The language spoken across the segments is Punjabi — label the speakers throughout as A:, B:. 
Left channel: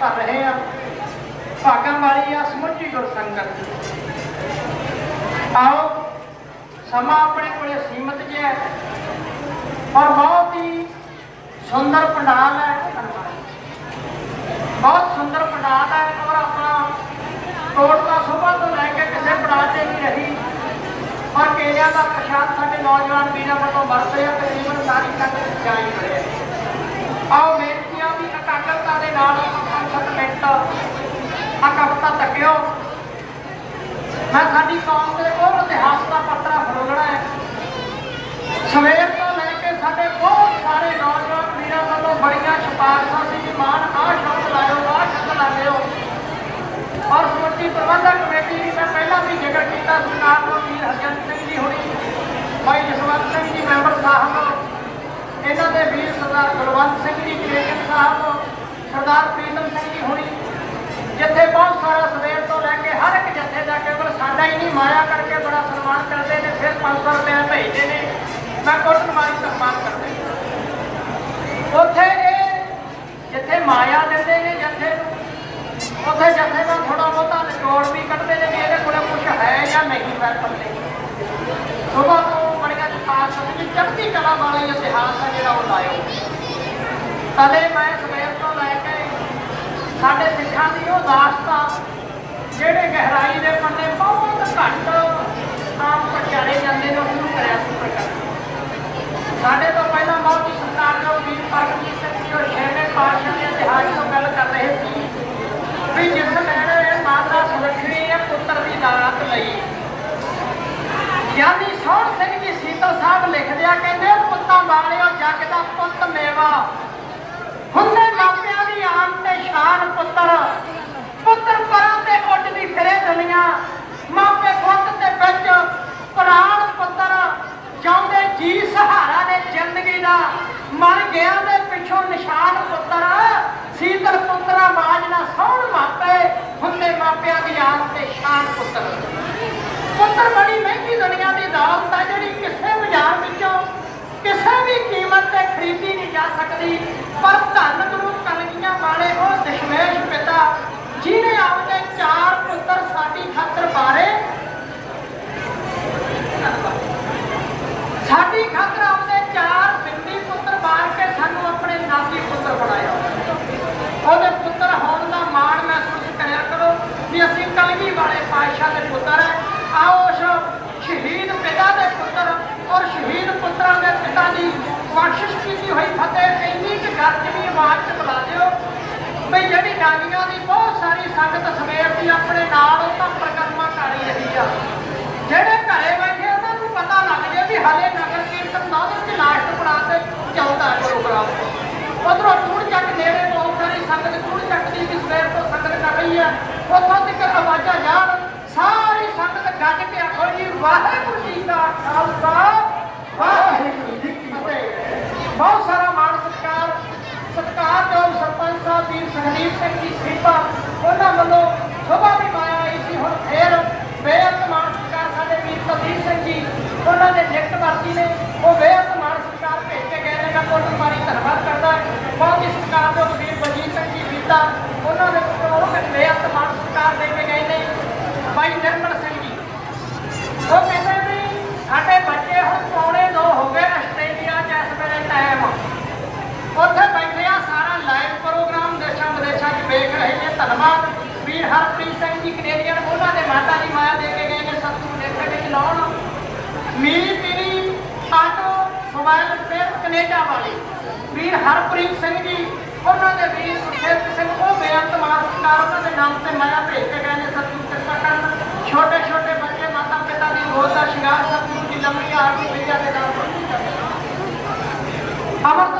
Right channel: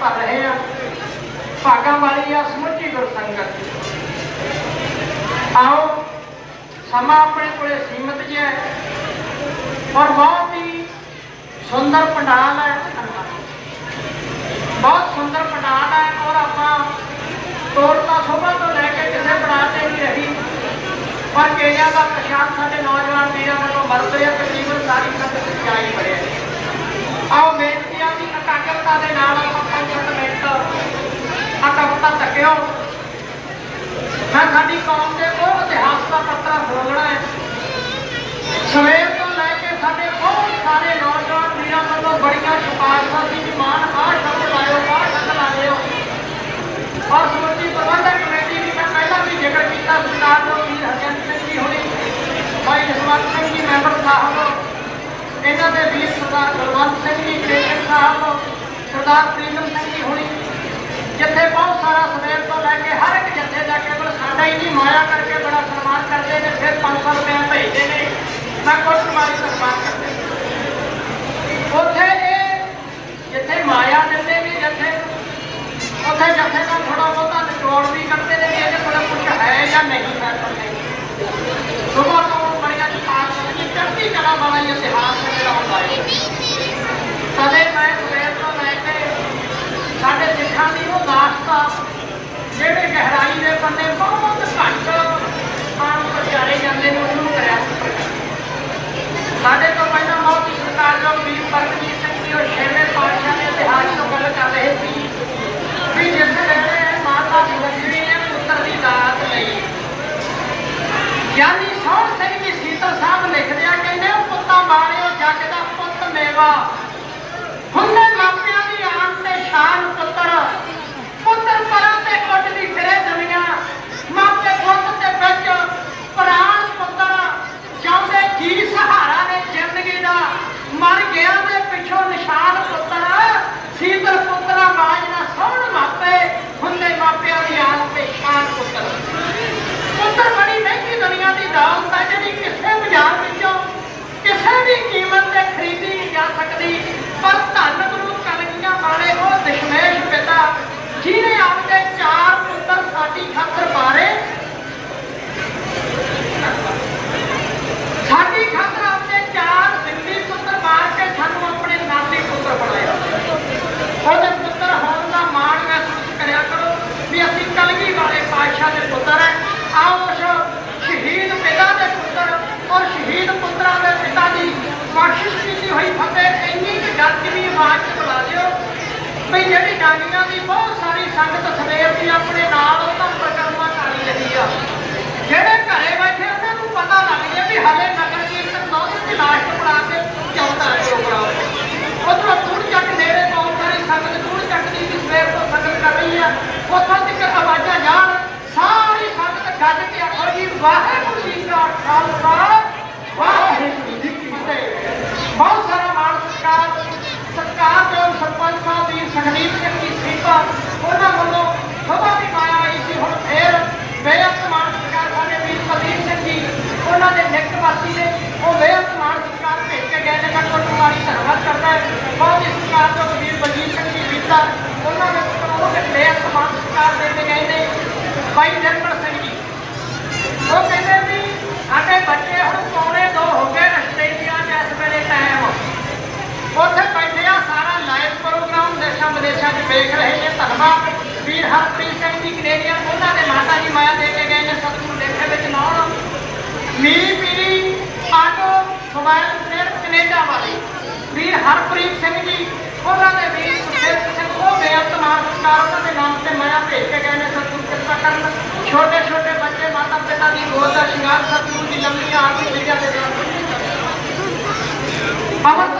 A: ਭਰ ਰਹੇ ਆ। ਭਾਗਾਂ ਵਾਲੀ ਆ, ਸਮੁੱਚੀ ਗੁਰਸੰਗਤ ਆਓ, ਸਮਾਂ ਆਪਣੇ ਕੋਲੇ ਸੀਮਤ ਜਿਹਾ ਹੈ। ਔਰ ਬਹੁਤ ਹੀ ਸੁੰਦਰ ਪੰਡਾਲ ਹੈ ਬਹੁਤ ਸੁੰਦਰ ਪੰਡਾਲ ਹੈ ਔਰ ਆਪਾਂ ਤੋੜਤਾ ਸੋਭਾ ਤੋਂ ਲੈ ਕੇ ਕਿਸੇ ਪੜਾਅ ਤੇ ਨਹੀਂ ਰਹੀ। ਪਰ ਕੇਲਿਆਂ ਦਾ ਪ੍ਰਸ਼ਾਦ ਸਾਡੇ ਨੌਜਵਾਨ ਵੀਰਾਂ ਵੱਲੋਂ ਵਰਤ ਰਿਹਾ, ਤਕਰੀਬਨ ਸਾਰੀ ਸੰਗਤ ਵਿੱਚ ਜਾਈ ਵੜਿਆ। ਆਓ, ਬੇਨਤੀ ਆ ਵੀ ਇਕਾਗਰਤਾ ਦੇ ਨਾਲ ਆ ਕਵਿਤਾ ਮੈਂ ਸਾਡੀ ਕੌਮ ਦੇ ਉਹ ਇਤਿਹਾਸ ਦਾ ਪੱਤਰਾ ਫਰੋਲਣਾ ਹੈ। ਸਵੇਰ ਤੋਂ ਲੈ ਕੇ ਸਾਡੇ ਬਹੁਤ ਸਾਰੇ ਨੌਜਵਾਨ ਵੀਰਾਂ ਵੱਲੋਂ ਬੜੀਆਂ ਸਿਫਾਰਸ਼ਾਂ ਸੀ ਕਿ ਮਾਨ ਆਹ ਸ਼ਬਦ ਲਾਇਓ, ਆਹ ਸ਼ਬਦ ਲਾਇਓ। ਔਰ ਸਮੁੱਚੀ ਪ੍ਰਬੰਧਕ ਕਮੇਟੀ ਦੀ ਮੈਂ ਪਹਿਲਾਂ ਵੀ ਜ਼ਿਕਰ ਕੀਤਾ ਸਰਕਾਰ ਨੂੰ ਵੀਰ ਹਰਜਨ ਸਿੰਘ ਜੀ ਹੋਣੀ, ਭਾਈ ਜਸਵੰਤ ਸਿੰਘ ਜੀ, ਮੈਂਬਰ ਸਾਹਿਬ ਇਹਨਾਂ ਦੇ ਵੀਰ ਸਰਦਾਰ ਕੁਲਵੰਤ ਸਿੰਘ ਜੀ ਗ੍ਰੇਸ਼ਨ ਸਾਹਿਬ ਸਰਦਾਰ ਪ੍ਰੀਤਮ ਸਿੰਘ ਜੀ ਹੋਣੀ ਜਿੱਥੇ ਬਹੁਤ ਸਾਰਾ ਸਵੇਰ ਤੋਂ ਲੈ ਕੇ ਹਰ ਇੱਕ ਜੱਥੇ ਦਾ ਕੇਵਲ ਸਾਡਾ ਹੀ ਨਹੀਂ ਮਾਇਆ ਕਰਕੇ ਬੜਾ ਸਨਮਾਨ ਕਰਦੇ ਨੇ, ਫਿਰ 500 ਰੁਪਏ ਭੇਜਦੇ ਨੇ। ਮੈਂ ਕੋਟ ਮਾਰੀ ਸਨਮਾਨ ਕਰਦੇ ਉੱਥੇ ਇਹ ਜਿੱਥੇ ਮਾਇਆ ਦਿੰਦੇ ਨੇ ਜੱਥੇ ਨੂੰ ਉੱਥੇ ਜੱਥੇ ਦਾ ਥੋੜਾ ਬਹੁਤਾ ਨਿਚੋੜ ਵੀ ਕੱਢਦੇ ਨੇ ਕਿ ਇਹਦੇ ਕੋਲ ਕੁਝ ਹੈ ਜਾਂ ਨਹੀਂ ਹੈ ਪੱਲੇ ਸੁਬਾ ਤੋਂ ਬੜੀਆਂ ਪਾਸ ਦੀ ਚੜ੍ਹਦੀ ਕਲਾ ਵਾਲਾ ਹੀ ਇਤਿਹਾਸ ਹੈ ਜਿਹੜਾ ਉਹ ਲਾਇਆ ਤਦੇ ਮੈਂ ਸਵੇਰ ਤੋਂ ਲੈ ਕੇ ਸਾਡੇ ਸਿੱਖਾਂ ਦੀ ਉਹ ਦਾਸਤਾ ਜਿਹੜੇ ਗਹਿਰਾਈ ਦੇ ਪੰਨੇ ਬਹੁਤ ਘੱਟ ਆਮ ਵਿਚਾਰੇ ਜਾਂਦੇ ਨੇ ਉਹ ਸ਼ੁਰੂ ਕਰਿਆ ਸੀ ਸਾਡੇ ਤੋਂ ਪਹਿਲਾਂ ਮੌਤੀ ਸਰਕਾਰ ਜੋ ਵੀਰ ਪਰਮਜੀਤ ਸਿੰਘ ਜੀ ਔਰ ਛੇਵੇਂ ਪਾਤਸ਼ਾਹ ਦੇ ਇਤਿਹਾਸ ਤੋਂ ਗੱਲ ਕਰ ਰਹੇ ਸੀ ਵੀ ਜਿਸ ਵੇਲੇ ਮਾਤਾ ਸੁਲੱਖਣੀ ਨੇ ਪੁੱਤਰ ਦੀ ਦਾਤ ਲਈ ਗਿਆਨੀ ਸੋਹਣ ਸਿੰਘ ਜੀ ਸੀਤਲ ਸਾਹਿਬ ਲਿਖਦੇ ਆ ਕਹਿੰਦੇ ਉਹ ਪੁੱਤਾਂ ਵਾਲਿਓ, ਜੱਗ ਦਾ ਪੁੱਤ ਮੇਵਾ। ਹੁੰਦੇ ਮਾਪਿਆਂ ਦੀ ਆਨ ਤੇ ਸ਼ਾਨ ਪੁੱਤਰ ਪਰਾਂ ਤੇ ਉੱਠਦੀ ਫਿਰੇ ਦੁਨੀਆ ਮਾਪੇ ਖੁੱਦ ਤੇ ਵਿੱਚ ਪ੍ਰਾਣ ਪੁੱਤਰ ਚਾਹੁੰਦੇ ਜੀ ਸਹਾਰਾ ਨੇ ਜ਼ਿੰਦਗੀ ਦਾ ਮਰ ਗਿਆ ਦੇ ਪਿੱਛੋਂ ਨਿਸ਼ਾਨ ਪੁੱਤਰ ਸੀਤਲ ਪੁੱਤਰਾ ਬਾਜ ਨਾ ਸੋਹਣ ਮਾਪੇ ਹੁੰਦੇ ਮਾਪਿਆਂ ਦੀ ਆਨ ਤੇ ਸ਼ਾਨ ਪੁੱਤਰ ਪੁੱਤਰ ਬੜੀ ਮਹਿੰਗੀ ਦੁਨੀਆ ਦੀ ਜਿਹੜੀ ਕਿਸੇ ਬਾਜ਼ਾਰ ਵਿੱਚੋਂ ਕਿਸੇ ਵੀ ਕੀਮਤ ਤੇ ਖਰੀਦੀ ਨਹੀਂ ਜਾ ਸਕਦੀ, ਪਰ ਧੰਨ ਗੁਰੂ ਕਲਗੀਆਂ ਵਾਲੇ ਉਹ ਦਸ਼ਮੇਸ਼ ਪਿਤਾ, ਜਿਹਨੇ ਆਪਣੇ ਚਾਰ ਪੁੱਤਰ ਸਾਡੀ ਖਾਤਰ ਮਾਰੇ ਸਾਡੀ ਖਾਤਰ ਆਪਣੇ ਚਾਰ ਸਿੰਧੀ ਪੁੱਤਰ ਮਾਰ ਕੇ ਸਾਨੂੰ ਆਪਣੇ ਨਾਤੀ ਪੁੱਤਰ ਬਣਾਇਆ। ਉਹਦੇ ਪੁੱਤਰ ਹੋਣ ਦਾ ਮਾਣ ਮਹਿਸੂਸ ਕਰਿਆ ਕਰੋ ਵੀ ਅਸੀਂ ਕਲਗੀ ਵਾਲੇ ਪਾਤਸ਼ਾਹ ਦੇ ਪੁੱਤਰ ਹੈ। ਆਓ ਉਸ ਸ਼ਹੀਦ ਪਿਤਾ ਦੇ ਪੁੱਤਰ ਔਰ ਸ਼ਹੀਦ ਪੁੱਤਰਾਂ ਦੇ ਪਿਤਾ ਦੀ ਬਖਸ਼ਿਸ਼ ਕੀਤੀ ਹੋਈ ਫਤਿਹ ਇੰਨੀ ਕਿ ਆਵਾਜ਼ ਚ ਬੁਲਾ ਦਿਓ ਵੀ ਜਿਹੜੀ ਡਾਂਗੀਆਂ ਦੀ ਬਹੁਤ ਸਾਰੀ ਸੰਗਤ ਸਵੇਰ ਦੀ ਆਪਣੇ ਨਾਲ ਉਹ ਪ੍ਰਕਰਮਾ ਕਰ ਰਹੀ ਆ। ਜਿਹੜੇ ਘਰੇ ਬੈਠੇ ਉਹਨਾਂ ਨੂੰ ਪਤਾ ਲੱਗ ਗਿਆ ਵੀ ਹਲੇ ਨਗਰ ਕੀਰਤਨ ਨੌਂ ਦੀ ਲਾਸਟ ਬਣਾ ਕੇ ਚੱਲਦਾ ਪ੍ਰੋਗਰਾਮ ਉਧਰੋਂ ਦੂਰ ਚੱਕ ਨੇੜੇ ਕੌਮ ਕਰੀ ਸੰਗਤ, ਦੂਰ ਚੱਕ ਦੀ ਵੀ ਸਵੇਰ ਤੋਂ ਸੰਗਤ ਕਰ ਰਹੀ ਹੈ ਉੱਥੋਂ ਤੱਕ ਆਵਾਜ਼ਾਂ ਜਾਣ ਸਾਰੀ ਸੰਗਤ ਗੱਜ ਕੇ ਆਖੋਈ ਵਾਹਿਗੁਰੂ ਜੀ ਦਾ ਖਾਲਸਾ ਵਾਹਿਗੁਰੂ ਜੀ ਕੀ ਫਤਿਹ ਬਹੁਤ ਸਾਰਾ ਮਾਣ ਸਤਿਕਾਰ ਸਤਿਕਾਰ ਤੋਂ ਸਰਪੰਚ ਸਾਹਿਬ ਦੀ ਸੰਗੀਤ ਸਿੰਘ ਦੀ ਸੇਵਾ, ਉਹਨਾਂ ਵੱਲੋਂ ਸਭਾ ਵੀ ਪਾਇਆ ਗਈ ਸੀ। ਹੁਣ ਫੇਰ ਬੇਅੰਤ ਮਾਣ ਸਤਿਕਾਰ ਸਾਡੇ ਵੀਰ ਕੁਲਦੀਪ ਸਿੰਘ ਜੀ, ਉਹਨਾਂ ਦੇ ਨਿਕਟ ਵਾਸੀ ਨੇ ਉਹ ਬੇਅੰਤ ਮਾਣ ਸਤਿਕਾਰ ਭੇਜ ਕੇ ਗਏ ਨੇ। ਮੈਂ ਮਾਰੀ ਧੰਨਵਾਦ ਕਰਦਾ ਹੈ। ਬਹੁਤ ਹੀ ਸਤਿਕਾਰ ਤੋਂ ਵੀਰ ਬਲਜੀਤ ਸਿੰਘ ਜੀ ਬੀਤਾ ਉਹਨਾਂ ਦੇ ਪੁੱਤਰ ਉਹ ਤੇ ਬੇਅੰਤ ਮਾਣ ਸਤਿਕਾਰ ਦੇ ਕੇ ਗਏ ਨੇ। ਭਾਈ ਨਿਰਮਲ ਸਿੰਘ ਜੀ। ਉਹ ਕਹਿੰਦੇ ਵੀ ਸਾਡੇ ਬੱਚੇ ਹੁਣ ਪੌਣੇ ਦੋ ਹੋ ਗਏ ਆਸਟ੍ਰੇਲੀਆ ਚ ਇਸ ਵੇਲੇ ਟਾਈਮ ਉੱਥੇ ਬੈਠੇ ਪ੍ਰੋਗਰਾਮ ਦੇਸ਼ਾਂ ਵਿਦੇਸ਼ਾਂ 'ਚ ਵੇਖ ਰਹੇ ਨੇ। ਧੰਨਵਾਦ ਵੀਰ ਹਰਪ੍ਰੀਤ ਸਿੰਘ ਜੀ, ਕੈਨੇਡੀਅਨ। ਉਹਨਾਂ ਦੇ ਮਾਤਾ ਜੀ ਮਾਇਆ ਦੇ ਕੇ ਗਏ ਨੇ ਸਤਿਗੁਰੂ ਦੇਖੇ ਵਿੱਚ ਨਾਉਣ। Miri Piri auto mobile repair Canada ਵਾਲੇ। ਵੀਰ ਹਰਪ੍ਰੀਤ ਸਿੰਘ ਜੀ, ਉਹਨਾਂ ਦੇ ਵੀਰ ਸੁਖੇਤ ਸਿੰਘ, ਉਹ ਬੇਅੰਤ ਮਾਨ ਉਹਨਾਂ ਦੇ ਨਾਮ ਤੇ ਮਾਇਆ ਭੇਜ ਕੇ ਗਏ ਨੇ ਸਤਿਗੁਰੂ ਕਿਰਪਾ ਕਰਨ। ਛੋਟੇ ਛੋਟੇ ਬੱਚੇ ਮਾਤਾ ਪਿਤਾ ਦੀ ਗੋਦ ਦਾ ਸ਼ਿੰਗਾਰ ਸਤਿਗੁਰੂ ਦੀ ਲੰਮੀ ਆਰਤੀ ਮਿਲਿਆ ਦੇ ਨਾਲ। ਅਮਰਪਾਲ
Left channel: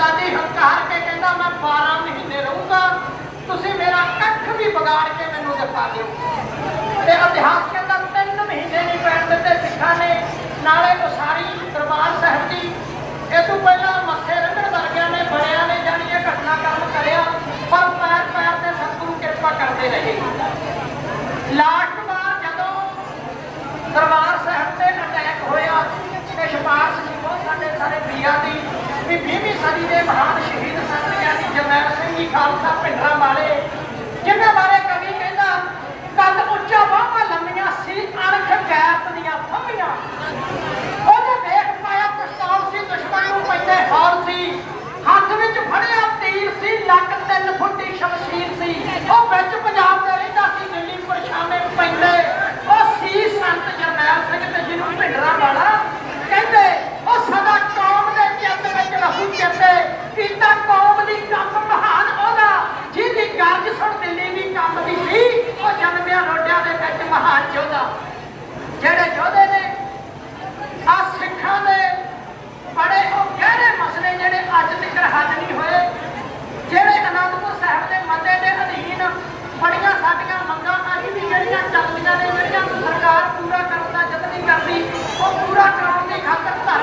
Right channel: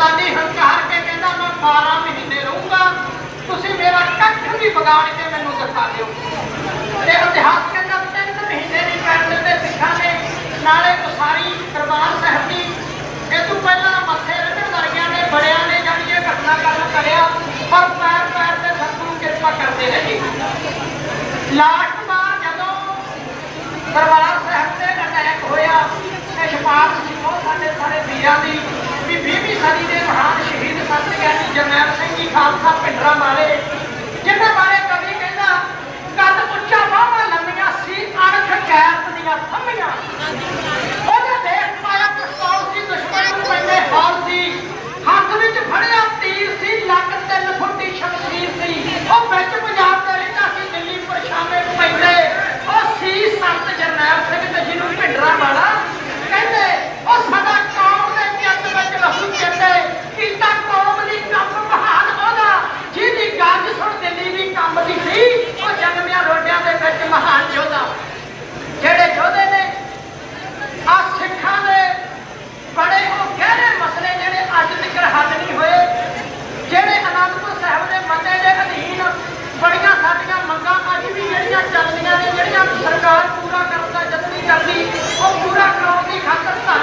A: ਆਜ਼ਾਦੀ ਹੰਕਾਰ ਕੇ ਕਹਿੰਦਾ ਮੈਂ 12 ਮਹੀਨੇ ਰਹੂੰਗਾ। ਤੁਸੀਂ ਮੇਰਾ ਕੱਖ ਵੀ ਵਿਗਾੜ ਕੇ ਮੈਨੂੰ ਦਿਖਾ ਦਿਓ। ਤੇ ਇਤਿਹਾਸ ਕਹਿੰਦਾ ਤਿੰਨ ਮਹੀਨੇ ਨਹੀਂ ਪੈਣ ਦਿੱਤੇ ਸਿੱਖਾਂ ਨੇ ਨਾਲੇ ਉਸਾਰੀ ਦਰਬਾਰ ਸਾਹਿਬ ਦੀ। ਇਹ ਤੋਂ ਪਹਿਲਾਂ ਮੱਥੇ ਰੰਗਣ ਵਰਗਿਆਂ ਨੇ, ਬੜਿਆਂ ਨੇ ਜਾਨੀ ਇਹ ਘਟਨਾ ਕਰਮ ਕਰਿਆ। ਪਰ ਕਰਨੀ ਉਹ ਪੂਰਾ ਕਰਾਉਣ ਦੀ ਖਾਤਰ ਤਾਂ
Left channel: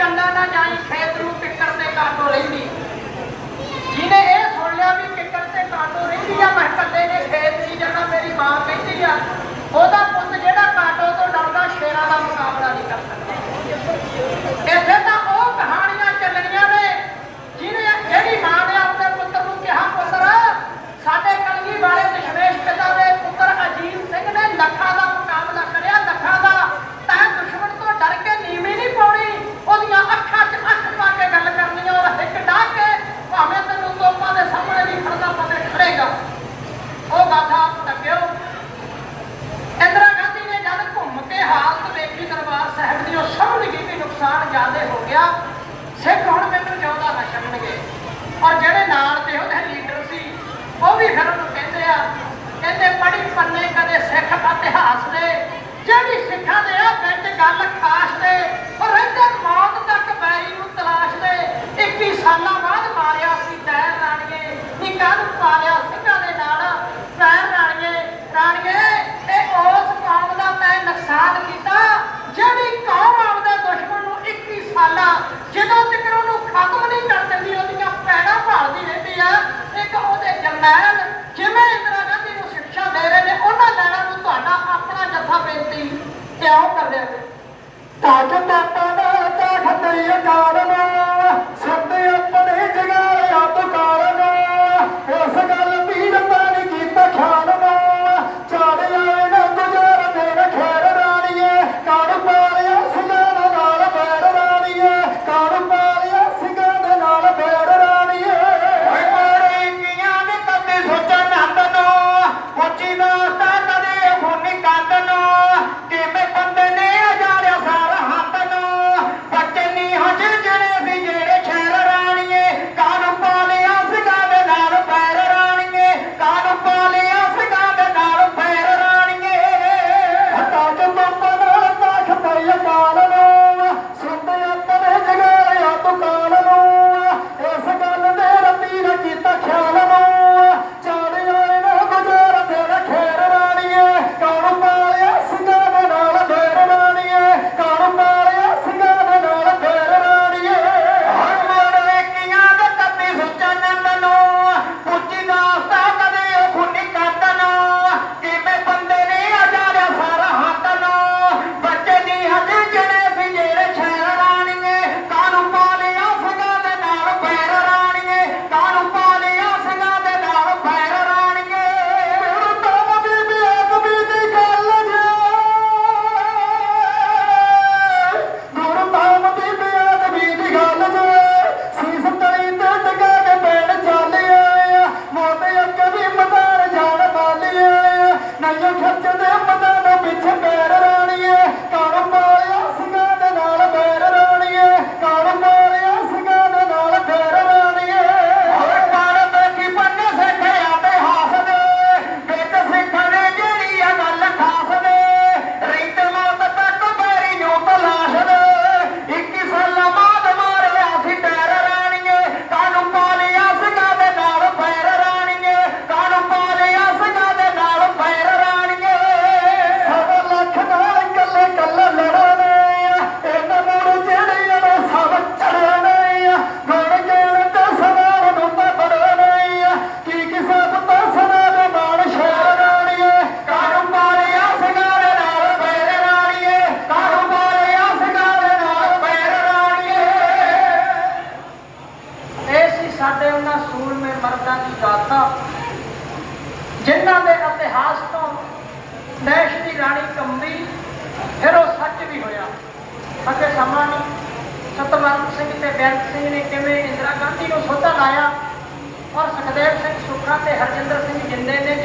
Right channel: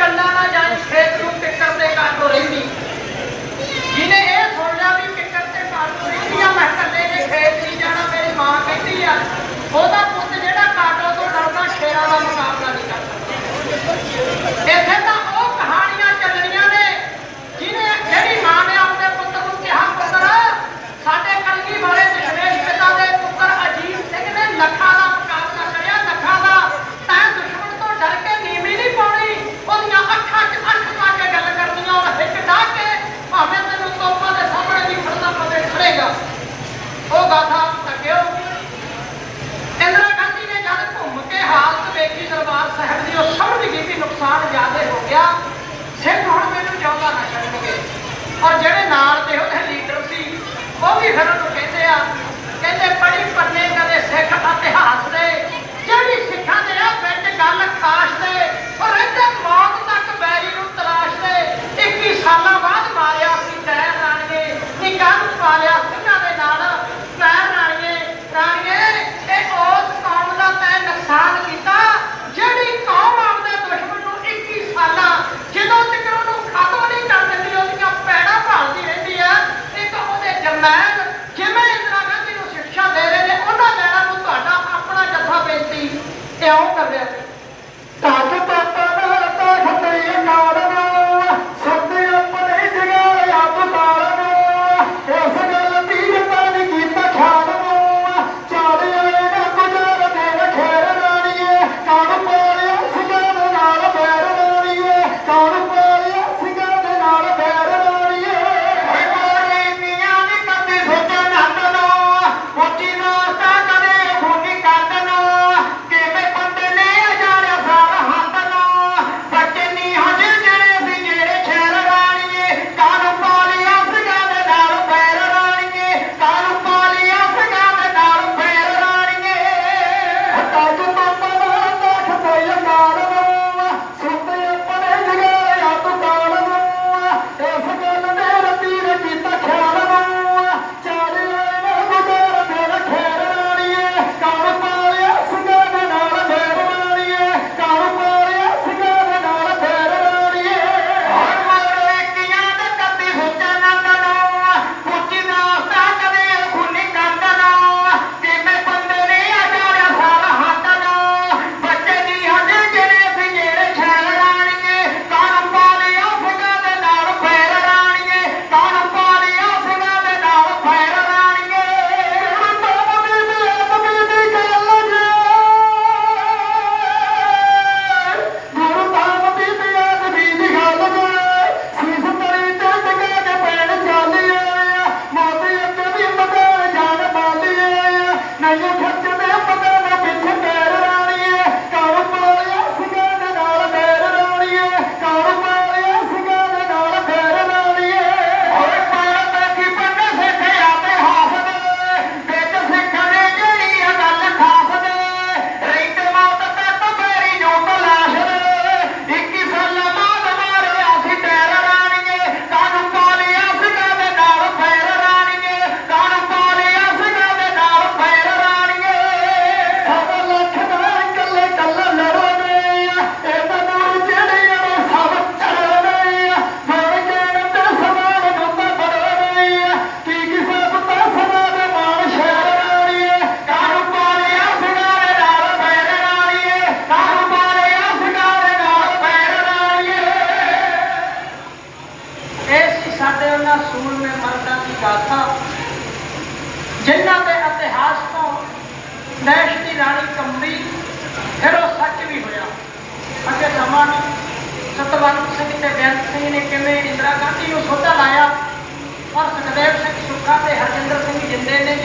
A: ਕੰਨਾਂ ਨਾਲ ਜਾਈ ਖੇਤ ਨੂੰ ਟਿੱਕਰ ਤੇ ਕਾਟੋ ਰਹਿੰਦੀ। ਕਰਨੈਲ ਜਿਵੇਂ ਇੰਦਰਾ ਗਾਂਧੀ ਨੂੰ ਸਿੱਖਿਆ ਦੇ ਰਹੇ ਨੇ, ਉਹਨਾਂ ਲੈਣਾ ਤੁਹਾਡਾ ਆਪਣਾ ਜੱਫਾ ਬੇਨਤੀ ਕਿਉਂ ਕਰ ਰਿਹਾ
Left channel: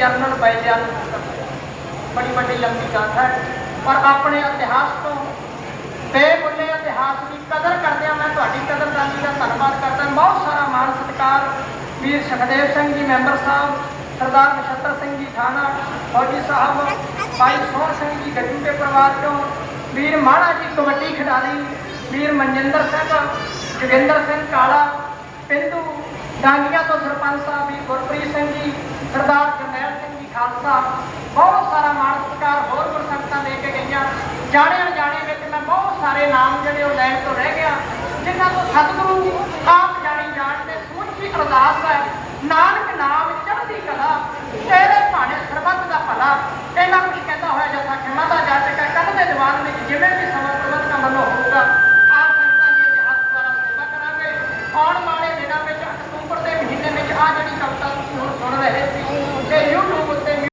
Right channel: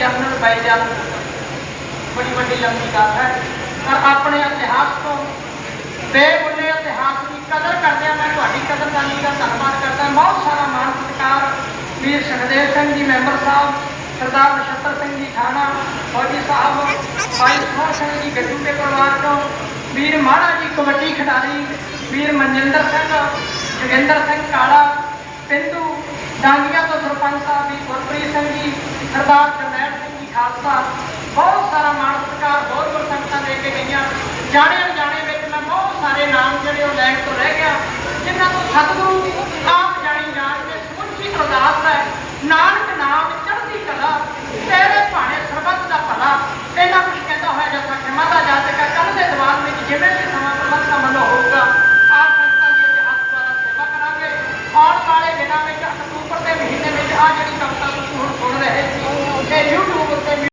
A: ਜਿੰਦੇ ਨੇ ਬੜੀ ਵੱਡੀ ਲੰਬੀ ਗੱਲ ਹੈ। ਪਰ ਆਪਣੇ ਇਤਿਹਾਸ ਤੋਂ ਬੇਬੁੱਲੇ ਇਤਿਹਾਸ ਦੀ ਕਦਰ ਕਰਦਿਆਂ ਮੈਂ ਤੁਹਾਡੀ ਕਦਰਦਾਨੀ ਦਾ ਧੰਨਵਾਦ ਕਰਦਾ। ਬਹੁਤ ਸਾਰਾ ਮਾਣ ਸਤਿਕਾਰ ਵੀਰ ਸੁਖਦੇਵ ਸਿੰਘ ਜੀ, ਮੈਂਬਰ ਸਾਹਿਬ ਸਰਦਾਰ ਨਛੱਤਰ ਸਿੰਘ ਜੀ, ਥਾਣਾ ਫੌਜੀ ਸਾਹਿਬ, ਭਾਈ ਸੋਹਣ ਸਿੰਘ ਜੀ ਗੱਜੂ ਦੇ ਪਰਿਵਾਰ ਚੋਂ ਵੀਰ ਮਾੜਾ ਜੀ, ਕਬੱਡੀ ਖਿਡਾਰੀ ਵੀਰ ਮਨਜਿੰਦਰ ਸਿੰਘ, ਜੋਗਿੰਦਰ ਸਿੰਘ ਕਾਲਾ ਪਿੰਡੂ ਡਾਂਗੀਆਂ ਤੋਂ ਸਰਪੰਚ ਸਾਹਿਬ ਜੀ ਗੁਰਪ੍ਰੀਤ ਸਿੰਘ ਜੀ, ਸਰਦਾਰ ਖਾਲਸਾ। ਬਹੁਤ ਸਾਰਾ ਮਾਣ ਸਤਿਕਾਰ ਹੋਰ ਗੁਰਸੰਗਤਾਂ ਦੇ ਕੇ ਗਈਆਂ। ਜਾਣੇ ਅਣਜਾਣੇ ਵਿੱਚ ਮੈਂ ਬਹੁਤ ਸਾਰੇ ਨਾਮ ਜਿਹੜੇ ਉਹ ਲੈਣ ਤੋਂ ਰਹਿ ਗਿਆ, ਜਿਨ੍ਹਾਂ ਤੋਂ ਸਤਿਗੁਰੂ ਆਪ ਜਾਣੀ ਜਾਣ ਦੇ ਸਮੁੱਚੀ ਅਰਦਾਸ ਹੈ। ਨਾਨਕ ਨਾਮ ਚੜ੍ਹਦੀ ਕਲਾ, ਤੇਰੇ ਭਾਣੇ ਸਰਬੱਤ ਦਾ ਭਲਾ। ਇਹਨਾਂ ਕੁਝ ਕਹਿੰਦਾ ਹੋਇਆ ਜਸਾ ਖਿਮਾ ਦਾ ਜਾਤਕ ਕੱਲ ਦੇ ਦੀਵਾਨ ਵਿੱਚ ਜਿਵੇਂ ਵੀ ਸਮਾਂ ਪ੍ਰਬੰਧਾਂ ਵੱਲੋਂ ਹੋਊਗਾ, ਆਪ ਸੰਗਤਾਂ ਦੀ ਇਤਿਹਾਸ ਦੁਆਰਾ ਸੇਵਾ ਕਰਾਂਗੇ। ਆਉਣ ਵਾਲੇ ਦਿਨਾਂ ਵਿੱਚ ਅਕਤੂਬਰ ਦੇ ਮਹੀਨੇ ਵਿੱਚ ਆ ਜਿਹੜੀ ਕਵਿਤਾ ਤੁਸੀਂ ਹੁਣ ਸੁਣ ਰਹੇ ਸੀ ਤੇ YouTube